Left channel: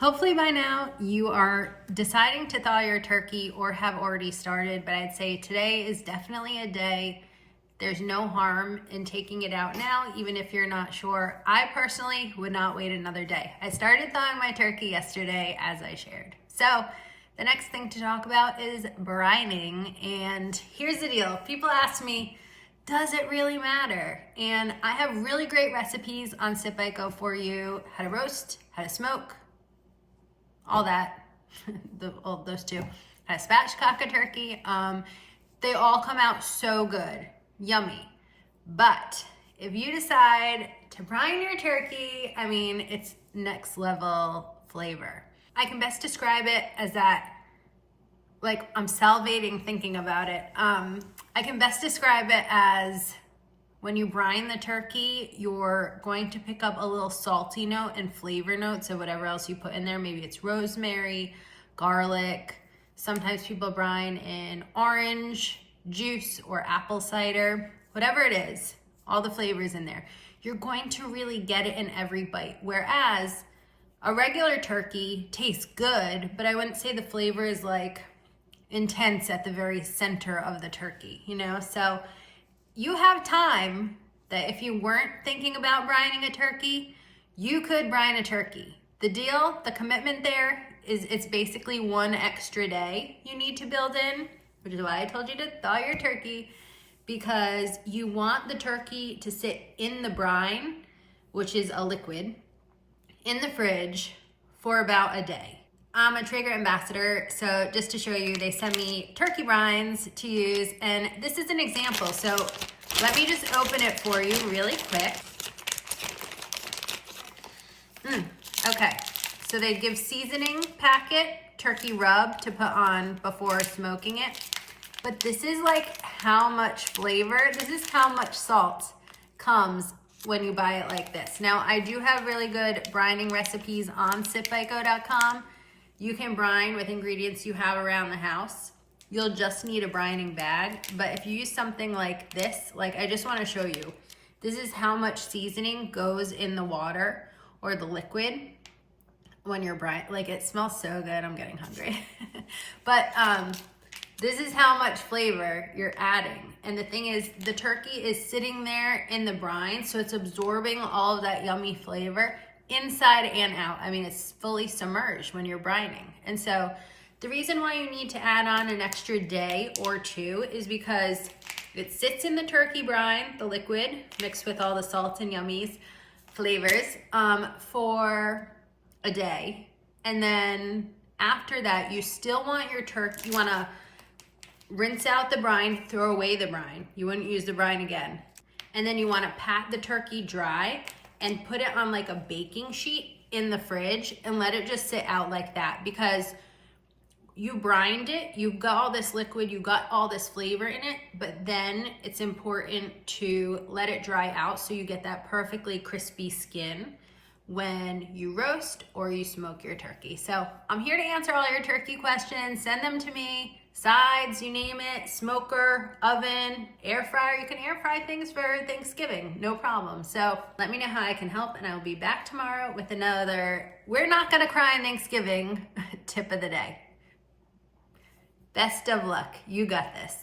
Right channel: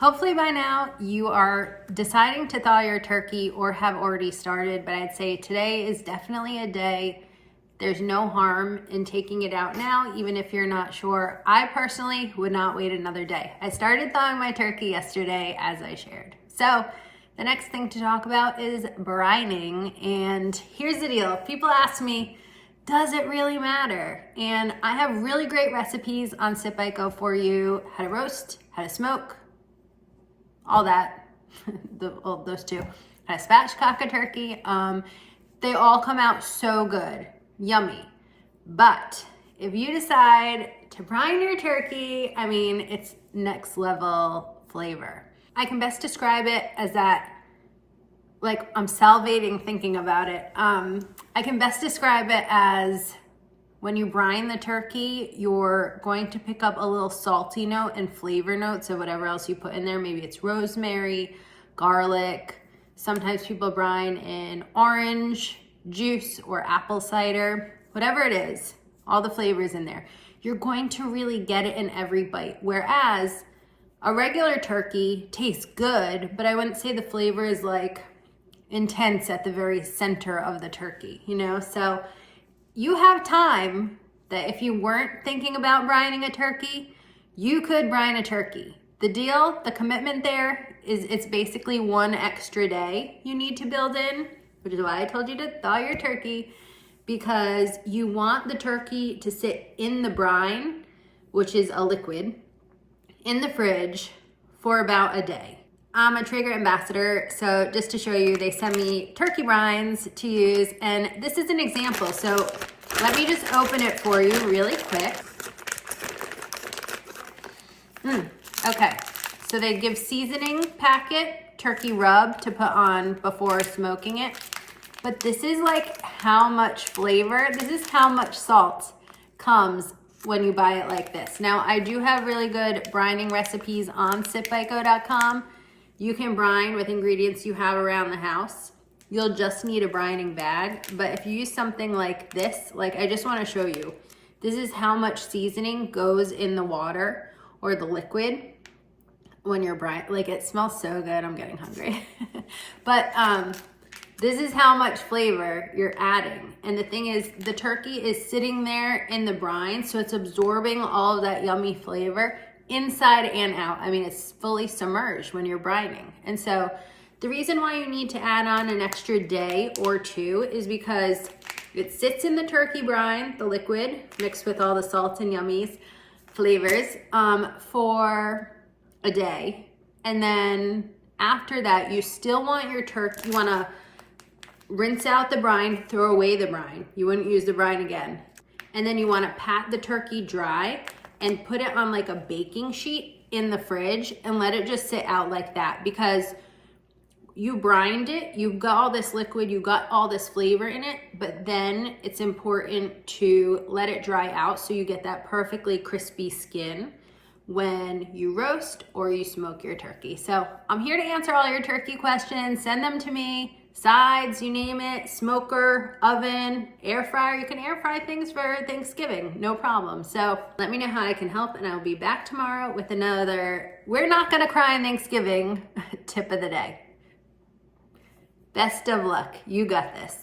Hopefully by now you are deciding to thaw your turkey or have already started, but I'd say today is definitely a day. There's no harm in taking it out now, even if you're not sure. I personally would not wait another day. I started thawing my turkey yesterday, as I shared. So the next thing to talk about is brining, and here's the deal. People ask me, does it really matter? And I have really great recipes on SipIco for you, how to roast, how to smoke, all that, those two. How to spatchcock a turkey. They all come out so good, yummy. But if you decide to brine your turkey, I mean, it's next level flavor. I can best describe it as that, like, I'm salivating thinking about it. I can best describe it as when you brine the turkey, you're going to pick up a little salty note and flavor notes of whatever else you put in there. Maybe it's rosemary, garlic. Sometimes people brine in orange juice or apple cider, whatever it is, all the flavors in there. You're going to really get it in every bite. Whereas a regular turkey tastes good, but I wouldn't say the flavor is like intense at the very center of the turkey, you know? So you have time that if you weren't thinking about brining a turkey, you could brine a turkey. The deal, the commitment there is it's basically one extra day you need to build in, which is why I told you to thaw your turkey, because you want the turkey to sit in the brine, which is a liquid, in the fridge for about a day. I'm a Traeger ambassador, so just to show you, they send me turkey brines to use, and this is an example. So let me just open it for you really quick. Okay, so they give seasoning packet, turkey rub to put on before smoking it. But this is like how much flavor, this is how much salt comes when you buy it like this. Now, I do have really good brining recipes on sipico.com. You can brine with ingredients you have around the house. You'll just need a brining bag. But if you use something like this, like I just want to show you, this is how much seasoning goes in the water or the liquid when you're brining. Like, it smells so good, I'm getting hungry. But this is how much flavor you're adding. And the thing is, the turkey is sitting there in the brine, so it's absorbing all of that yummy flavor inside and out. I mean, it's fully submerged when you're brining. And so the reason why you need to add on an extra day or two is because it sits in the turkey brine, the liquid, mixed with all the salt and yummy flavors, for a day. And then after that, you still want your turkey, you wanna rinse out the brine, throw away the brine. You wouldn't use the brine again. And then you wanna pat the turkey dry and put it on like a baking sheet in the fridge and let it just sit out like that, because you brined it, you've got all this liquid, you've got all this flavor in it, but then it's important to let it dry out so you get that perfectly crispy skin when you roast or you smoke your turkey. So I'm here to answer all your turkey questions. Send them to me. Sides, you name it, smoker, oven, air fryer. You can air fry things for Thanksgiving, no problem. So let me know how I can help, and I'll be back tomorrow with another we're not gonna cry on Thanksgiving tip of the day. Best of luck, you got this.